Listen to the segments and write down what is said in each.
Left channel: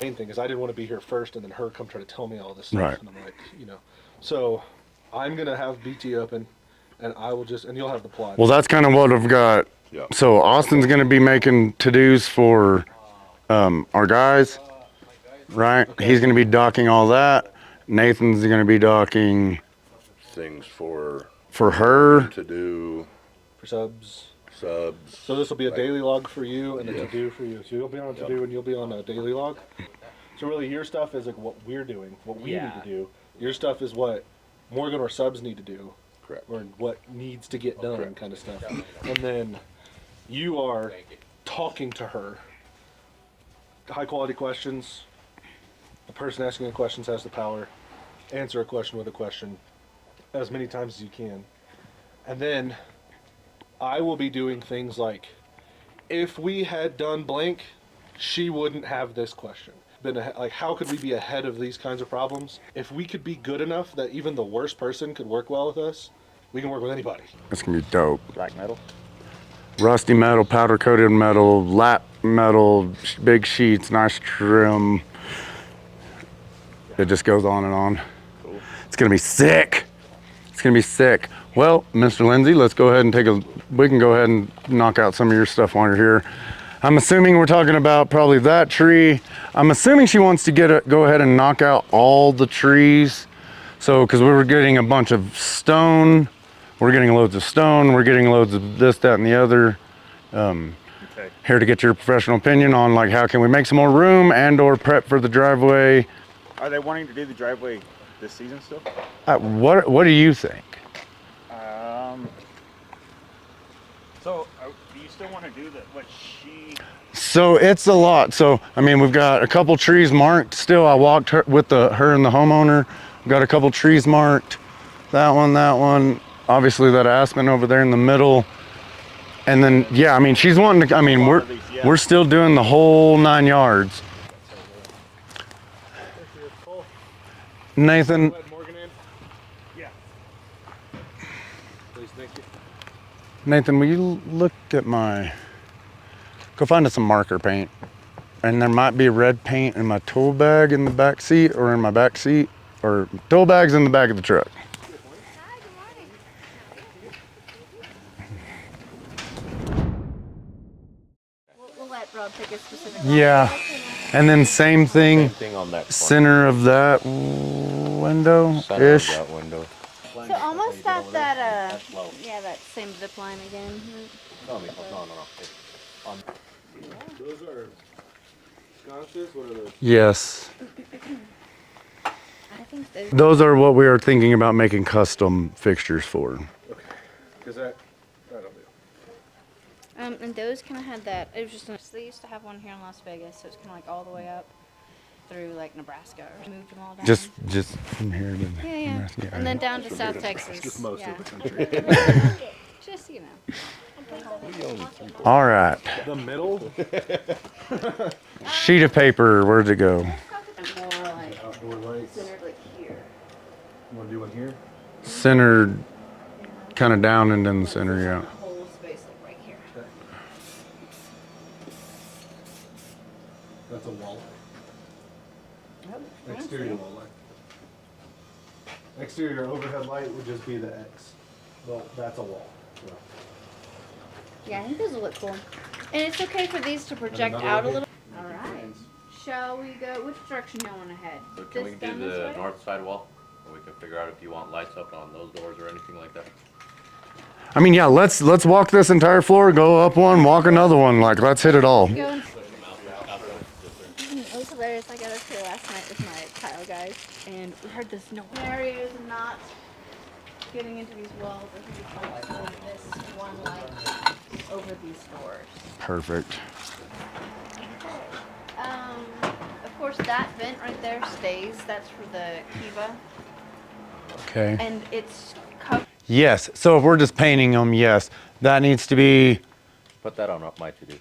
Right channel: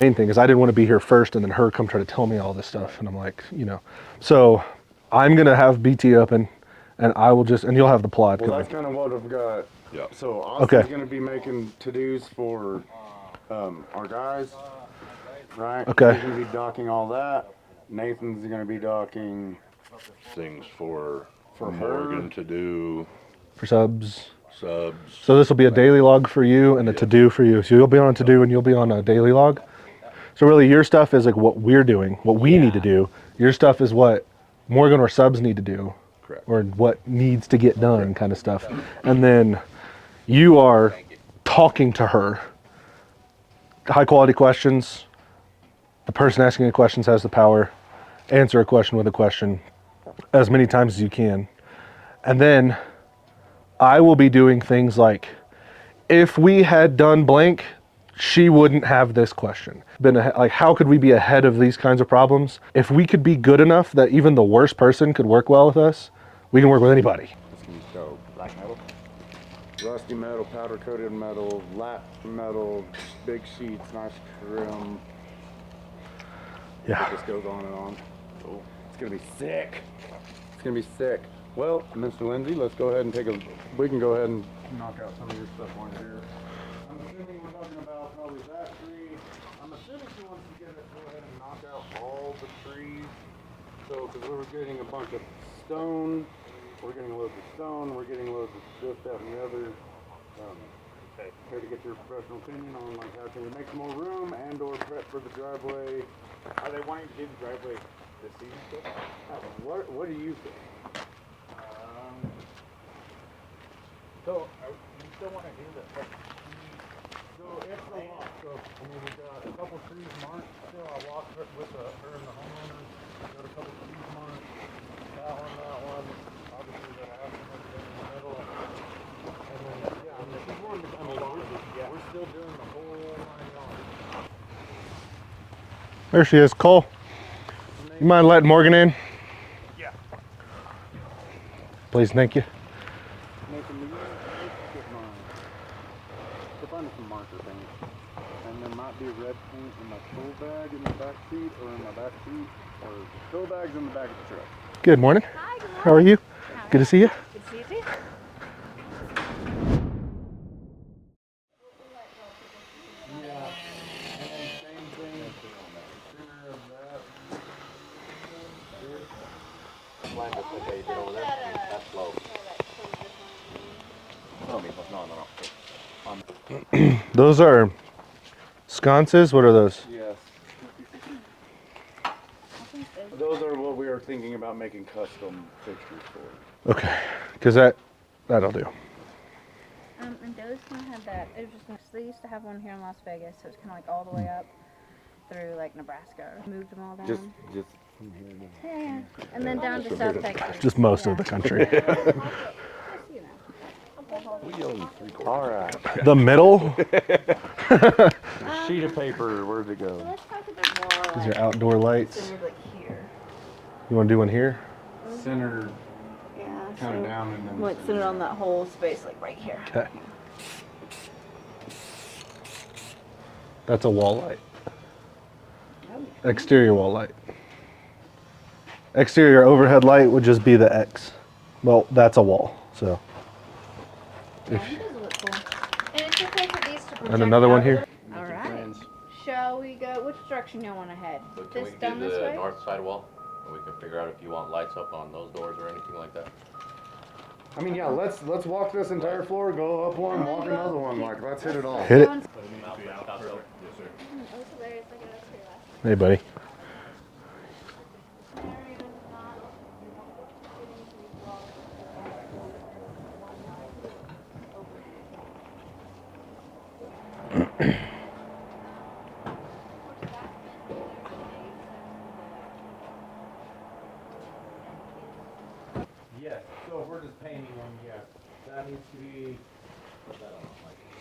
Main thing is I didn't want to be here first and then her come try to tell me all this stuff. Right. And I'm like, you know. So I'm going to have BT open and I will just, and you'll have the plot. Well, that's kind of what I've got. Yep. So Austin's Okay. going to be making to-dos for our guys, right? Okay. He's going to be docking all that. Nathan's going to be docking Things for her. to do, For subs. subs. So this will be a daily log for you and a to-do for you. So you'll be on a to-do and you'll be on a daily log. So really your stuff is like what we're doing, what we need to do. Your stuff is what Morgan or subs need to do. Correct. Or what needs to get done kind of stuff. And then you are talking to her. High quality questions. The person asking the questions has the power. Answer a question with a question as many times as you can. And then I will be doing things like, if we had done blank, she wouldn't have this question. Like, how could we be ahead of these kinds of problems? If we could be good enough that even the worst person could work well with us, we can work with anybody. That's going to be dope. Black metal. Rusty metal, powder coated metal, lap metal, big sheets, nice trim. Yeah. It just goes on and on. Cool. It's going to be sick. It's going to be sick. Well, Mr. Lindsay, let's go ahead and we can go ahead and knock out some of your stuff while you're here. I'm assuming we're talking about probably that tree. I'm assuming she wants to go ahead and knock out all the trees. So, because we were getting a bunch of stone, we're getting loads of stone, we're getting loads of this, that, and the other. Here to get your professional opinion on like how can we make some more room and or prep for the driveway. Are they wanting to do the driveway this season still? What do you think? So do you still want to do what she? So it's a lot. So I mean, we've got a couple trees marked still. I walked with her and the homeowner. We've got a couple trees marked. That one. Obviously that aspen over there in the middle. And then yeah, I mean she's wanting to. I mean we're still doing the whole 9 yards. There she is, Cole. Nathan, Mind letting Morgan in? Yeah. Please, thank you. Nathan, will you look at go find us some marker paint. And there might be red paint in my tool bag in the back seat or in my back seat, or tool bags in the back of the truck. Good morning. Hi, good morning. How are you? Good to see you. Good to see you too. We'll let Rob pick a specific one. Yeah. And then same thing, Thing on that front center of that window-ish. center of that window. So almost at that, that same zip line again. Those are sconces. What are those? Yes. I think Those are what we are thinking about making custom fixtures for. Okay, because that'll do. And those kind of had that. It was just they used to have one here in Las Vegas, so it's kind of like all the way up through like Nebraska. Moved them all down. Just from here to yeah. Nebraska. And then down to South Texas. Just most of the country. Just All right. The middle Sheet of paper, where'd it go? is your outdoor lights. Centered like here. You want to do one here? Centered Yeah. kind of down and in the Let's center, see on yeah. that whole space, like right here. Okay. That's a wall light. Exterior wall light. Exterior overhead light would just be the X. Well, that's a wall, so. Yeah, I think those will look cool. And it's okay for these to project And another out one a here. little. All right. Shall we go? Which direction do you want to head? Can This we down do this the way? north side wall? And we can figure out if you want lights up on those doors or anything like that. I mean, yeah, let's walk this entire floor, go up one, walk another one. Like, let's hit it all. Hit it. It was hilarious. I got up here last night. Hey, buddy. with my tile guys, and we heard this noise. Area is not getting into these walls. If you want to this one light over these doors. Perfect. Of course, that vent right there stays. That's for the Kiva, Okay. and it's covered. Yes, so if we're just painting them, yes, that needs to be, Put that on my to-do.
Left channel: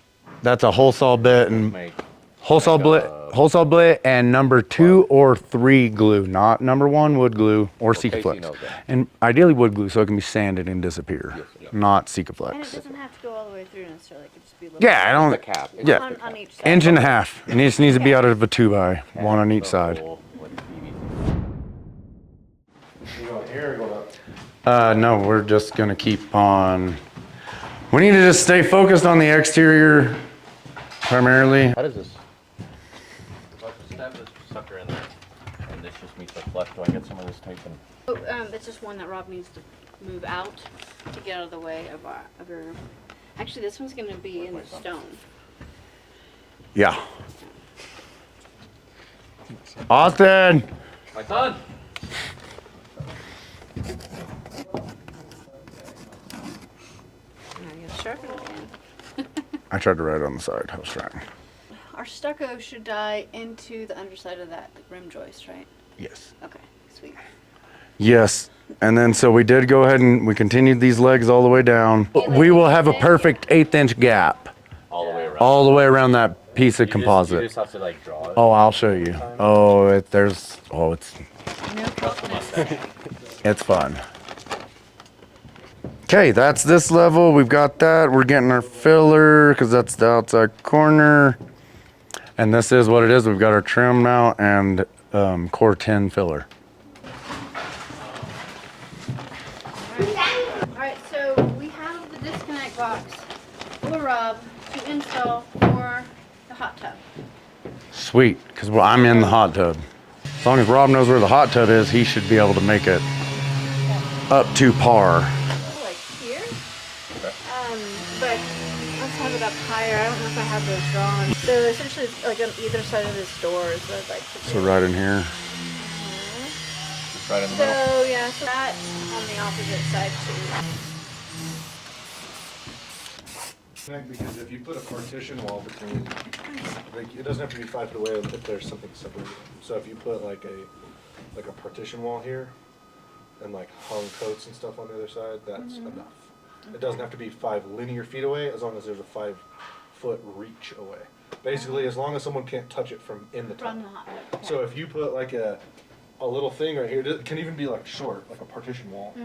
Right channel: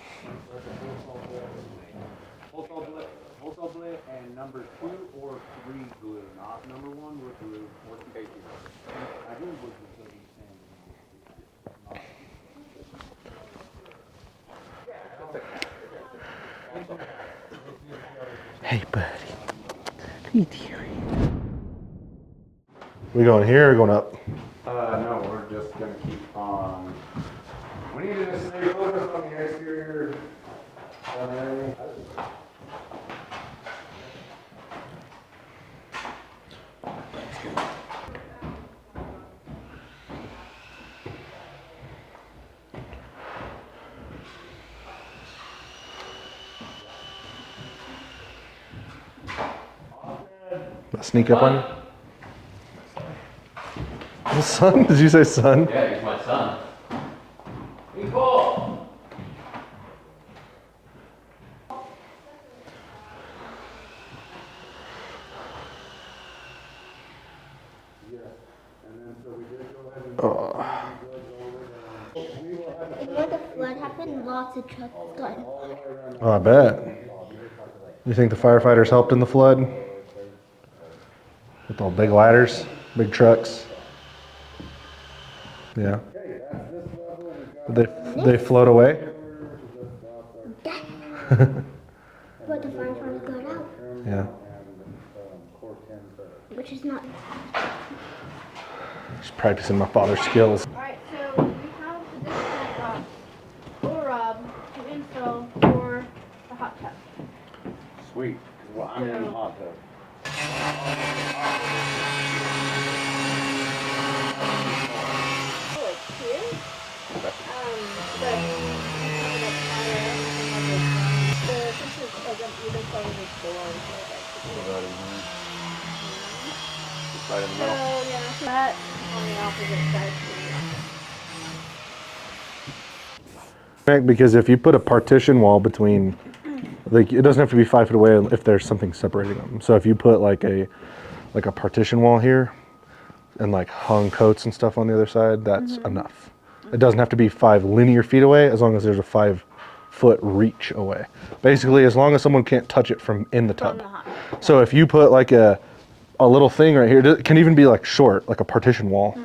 that's a whole saw bit and Make whole saw blit and number 2 or 3 glue, not number 1 wood glue or Casey Sikaflex. knows that. And ideally wood glue so it can be sanded and disappear, not And it Sikaflex. doesn't have to go all the way through necessarily. It could just be Yeah, I don't. The cap. Yeah, on each side. inch and a half. And it just needs to be out of a 2x, one on each side. You going here or going up? No, we're just gonna keep on. We need to just stay focused on the exterior primarily. How does this? That is sucker in there. And this just meets the flush. Do I get some of this here? Oh, it's just one that Rob needs to move out to get out of the way of your. Actually, this one's gonna be in the stone. Yeah. Austin! Sneak up on you? Son? Did you say son? Yeah, he's my son. Sure. I tried to write it on the side. I was trying. Our stucco should die into the underside of that rim joist, right? Yes. Okay, sweet. Yes. And then so we did go ahead and we continued these legs all the way down. We will have a perfect 1/8" gap All the way around. all the way around I that bet. piece of You composite. just have to like. You think the Oh, I'll firefighters show helped you. in the flood? Oh, it's Big ladders, big trucks. it's fun. Yeah. Okay, that's this level. We've got that. We're they getting float our away? filler because that's the outside corner. And this is what it is. We've got our trim mount and core 10 filler. Which is not. Just practicing my father's skills. All right, so we have the disconnect box for Rob to install for the hot tub. Sweet, because I'm in the hot tub. As long as Rob knows where the hot tub is, he should be able to make it up to par. Like here. But let's have it up higher. I don't know if I have those drawn. So essentially, it's like on either side of this door is what I'd like to do. So right in here. Right in the middle. So yeah, so that's on the opposite side too. Because if you put a partition wall between, like, it doesn't have to be 5 feet away if there's something separating them. So if you put like a partition wall here and like hung coats and stuff on the other side, that's enough. It doesn't have to be 5 linear feet away as long as there's a 5-foot reach away. Basically, as long as someone can't touch it from in the From tub. the hot. So if you put like a little thing right here, it can even be like short, like a partition wall,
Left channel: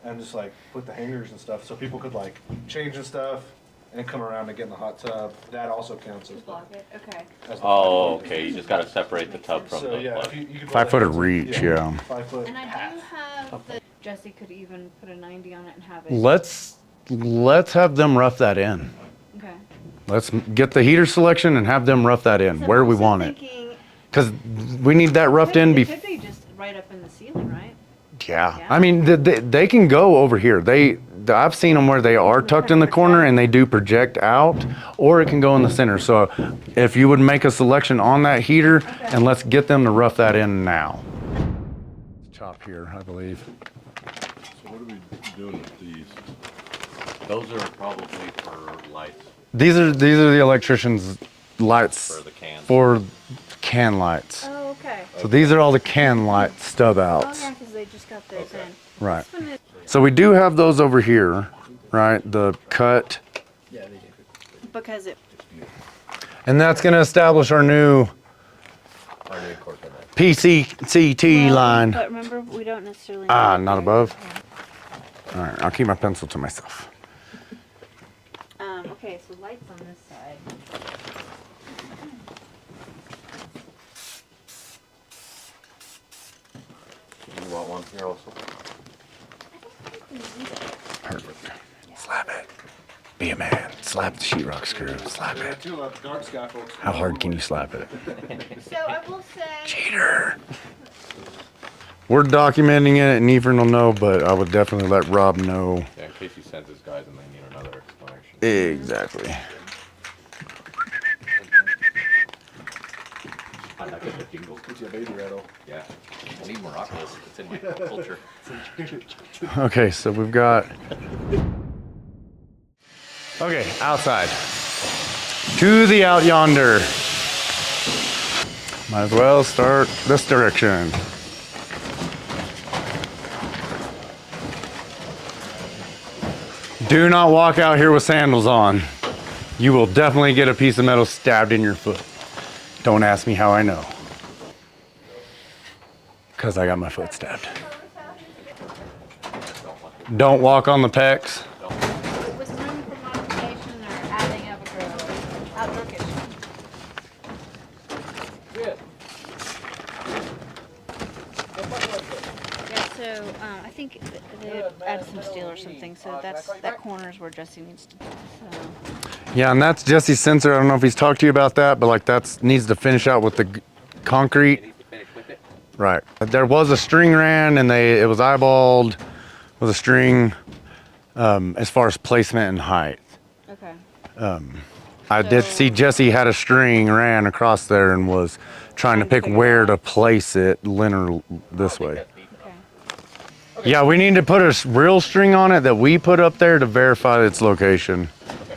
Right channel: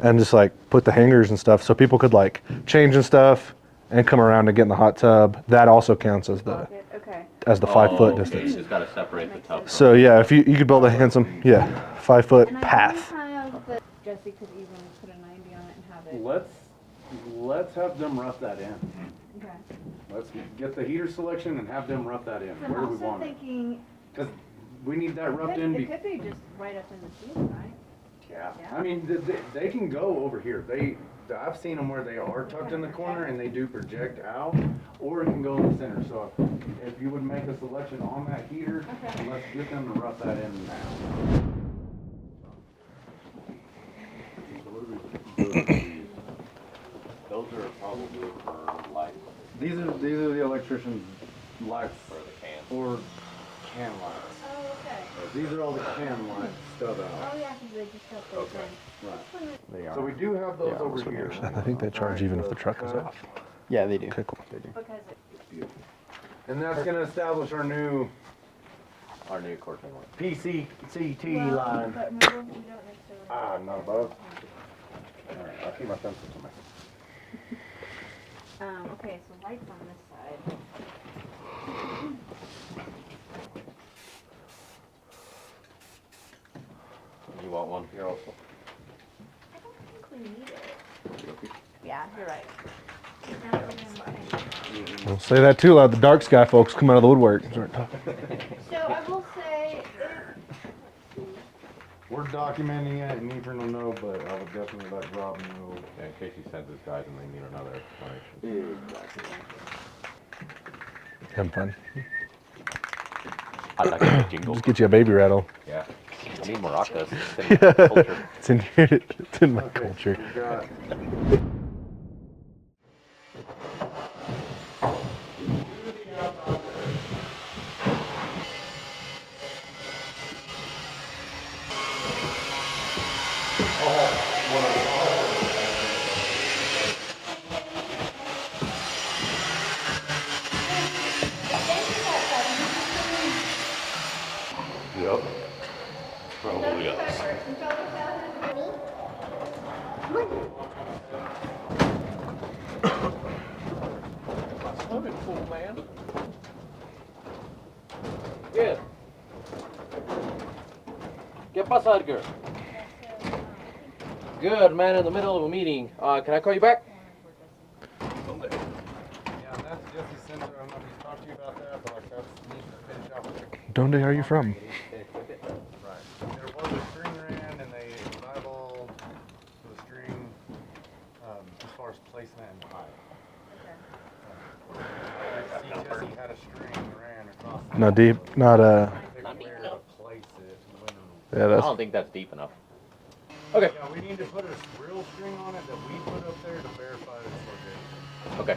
and just like put the hangers and stuff so people could like change and stuff and come around and get in the hot tub. That also counts as the Okay. 5-foot Oh, okay. distance. You just gotta separate the tub from. So yeah, if you could build 5 a foot handsome reach, yeah. 5-foot And I path. do have the Jesse could even put a 90 on it and have it. Let's have them rough that in. Okay. Let's get the heater selection and have them rough that in So where I'm we also want it. thinking, Because we need that roughed in it before. could be just right up in the ceiling, right? Yeah, I mean, they can go over here. I've seen them where they are tucked in the corner and they do project out, or it can go in the center. So if you would make a selection on that heater, and let's get them to rough that in now. Chop here, I believe. Those are probably for lights These are the electrician's lights for the cans. for can lights. Oh, okay. So these are all the can light stub Oh, outs. yeah, because they just got those in. Right. This one is- So we do have those over here, think they charge right? even The for truck. cut. Yeah, they do. Because it. And that's going to establish our new Our new cord pin light. PCCT Well, line. But remember, we don't necessarily. Ah, need it not there. above? All right, I'll keep my pencil to myself. Okay, so lights on this side. You want one here also? Yeah. Slap it. Be a man. Slap the sheetrock screw. Say that too loud. The dark sky folks come out of the Hard can you woodwork. slap it? So I will say. Cheater. We're documenting it, and Ephraim will know, but I would definitely let Rob know. Yeah, in case he sends his guys and they need another explanation. Exactly. Fun, fun. I like the jingle. Just get you a baby rattle. Yeah. I need maracas. It's in the culture. It's in here. It's in Okay, so we've got. Okay, outside. To the out yonder. Might as well start this direction. Do not walk out here with sandals on. You will definitely get a piece of metal stabbed in your foot. Don't ask me how I know. Yep. Because I got my foot stabbed. Don't walk on the pecs. With room for modification, they're adding up the Yeah, so I think. Good, man, in the Allison's middle of due a or meeting. something, so Can I that's- call you back? That corner's where Jesse needs to. Yeah, and that's Jesse's sensor. I don't know if he's talked to you about that, but like that's needs to finish out with the Donde are you concrete. Right. There was a string ran, and it was eyeballed with a string as far as placement and height. Okay. I did see Jesse had a string ran across there Not and deep, was not, trying to pick where to place it linear this way. That's deep enough. Okay. Yeah, we need to put a real string on it that we put up there to verify its location. Okay.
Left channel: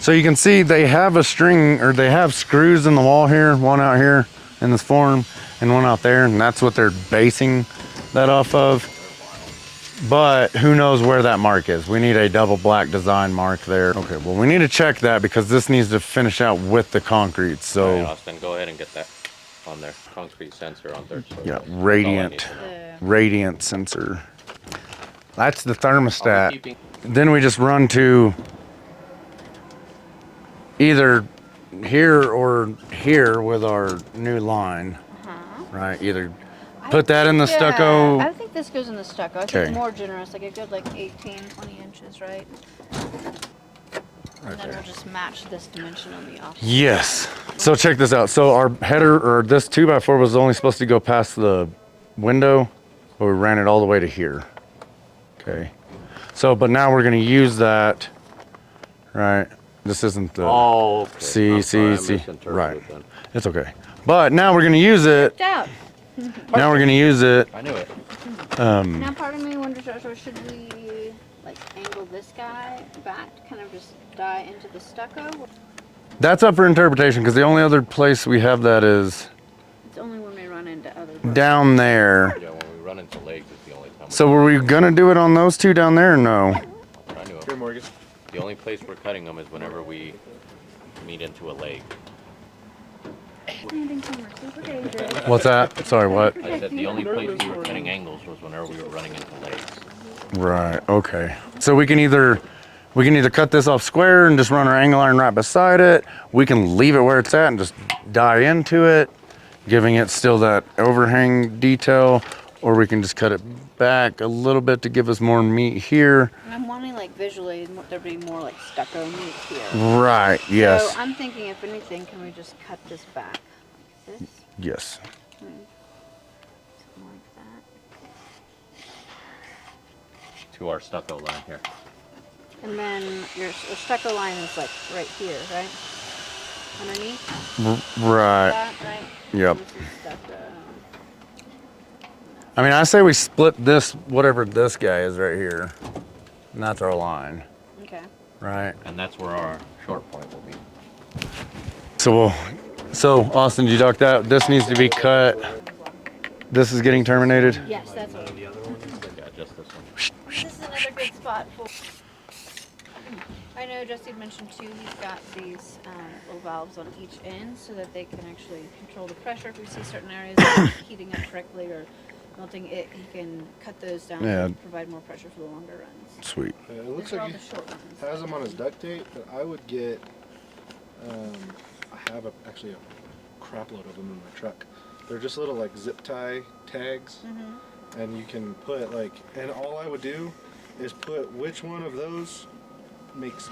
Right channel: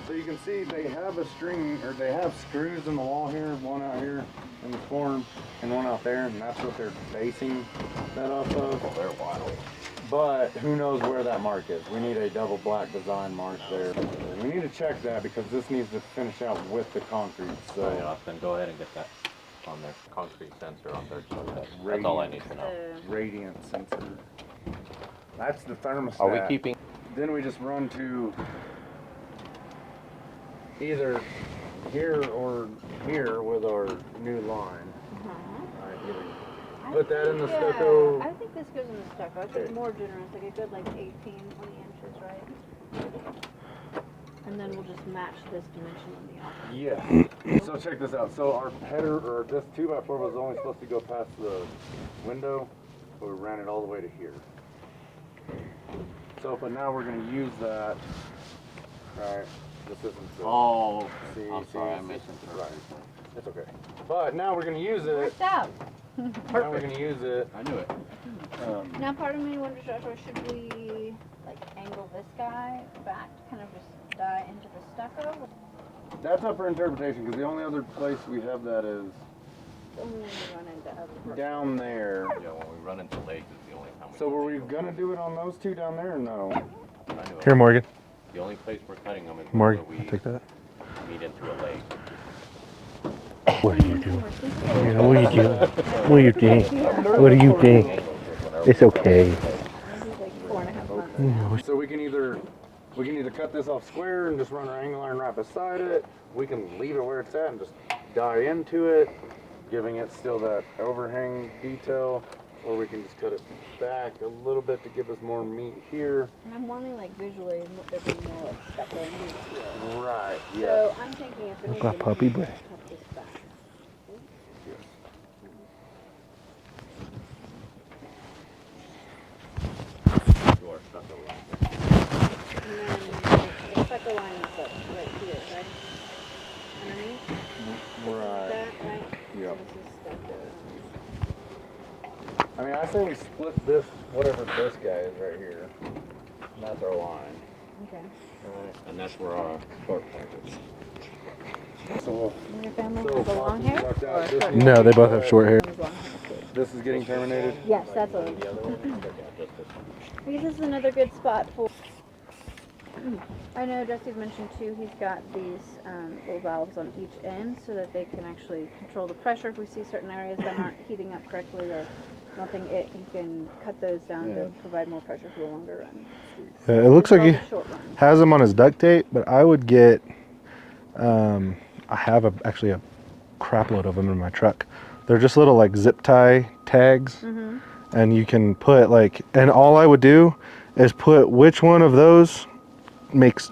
So you can see they have a string, or they have screws in the wall here, one out here in this form and one out there, and that's what they're basing that off of. But who knows where that mark is? We need a double black design mark there. Okay, well we need to check that because this needs to finish out with the concrete. So Alright, Austin, go ahead and get that on there. Concrete sensor on third story. yeah, That's all I radiant, need. radiant sensor. That's the Are we thermostat. keeping? Then we just run to either here or here with our new line, right? Either put that in the stucco. I think this goes in the stucco. I Okay. think more generous, like a good 18, 20 inches, right? And then we'll just match this dimension on the opposite. Yes. So check this out. So our header, or this 2x4 was only supposed to go past the window, but we ran it all the way to here. Okay. So, but now we're gonna use that, right? This isn't the, Oh, okay. see, I'm sorry, I see, misinterpreted right. then. It's okay. But now we're gonna use it, Checked out. now we're gonna use it, I knew it. Now, part of me wonders, Joshua, should we like angle this guy back to kind of just die into the stucco? that's up for interpretation, because the only other place we have that is It's only when we run into other parts. down there. Yeah, when we run into lakes is the only time. So were we gonna do it on those two down there or no? I knew it. Here, Morgan. The only place we're cutting them is whenever Morgan, we take that. meet into a lake. What's that? Sorry, What what? do you think? The only What do you place think? angles was whenever It's we were okay. into lakes. Right, okay. So we can either cut this off square and just run our angle iron right beside it. We can leave it where it's at and just die into it, giving it still that overhang detail, or we can just cut it back a little bit to give us more meat here. And I'm wanting like visually there be more like stucco meat here. Right, yes, So I'm thinking if like anything, puppy we just breath. cut this back. This. yes. To our stucco line here. And then the stucco line is like right here, right? Underneath Right, that, right? yep. This is stucco. I mean, I say we split this, whatever this guy is right here, and that's our line, Okay. right? And that's where our short point will be. So Austin, did you duck that? This needs No, to be they both have cut. short hair. This is getting terminated. Yes, that's what. The other one? Yeah, just this one. This is another good spot for. I know Jesse mentioned too, he's got these little valves on each end so that they can actually control the pressure. If we see certain areas not heating up correctly or melting, he can cut those down Yeah. and provide more pressure for the longer runs. Sweet. It looks like Or he the short runs. has them on his duct tape, but I would get. I have actually a crap load of them in my truck. They're just little like zip tie tags, and you can put like. And all I would do is put which one of those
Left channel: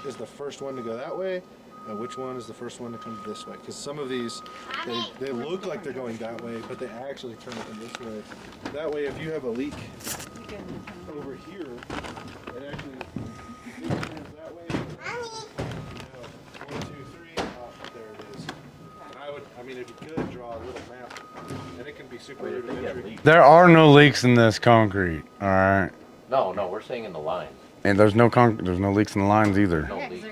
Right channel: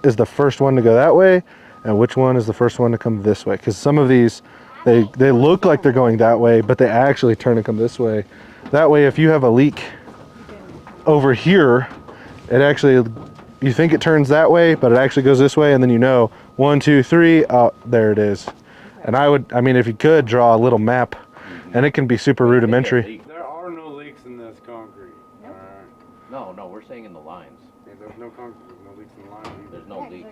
is the first one to go that way, and which one is the first one to come this way. Because some of these, they look like they're going that way, but they actually turn and come this way. That way, if you have a leak over here, it actually, you think it turns that way, but it actually goes this way, and then you know, 1, 2, 3, oh, there it is. And I mean, if you could draw a little map, and it can be super rudimentary. There are no leaks in this concrete, all right? No, we're saying in the lines. And there's no leaks in the lines either. No Yeah, 'cause leaks.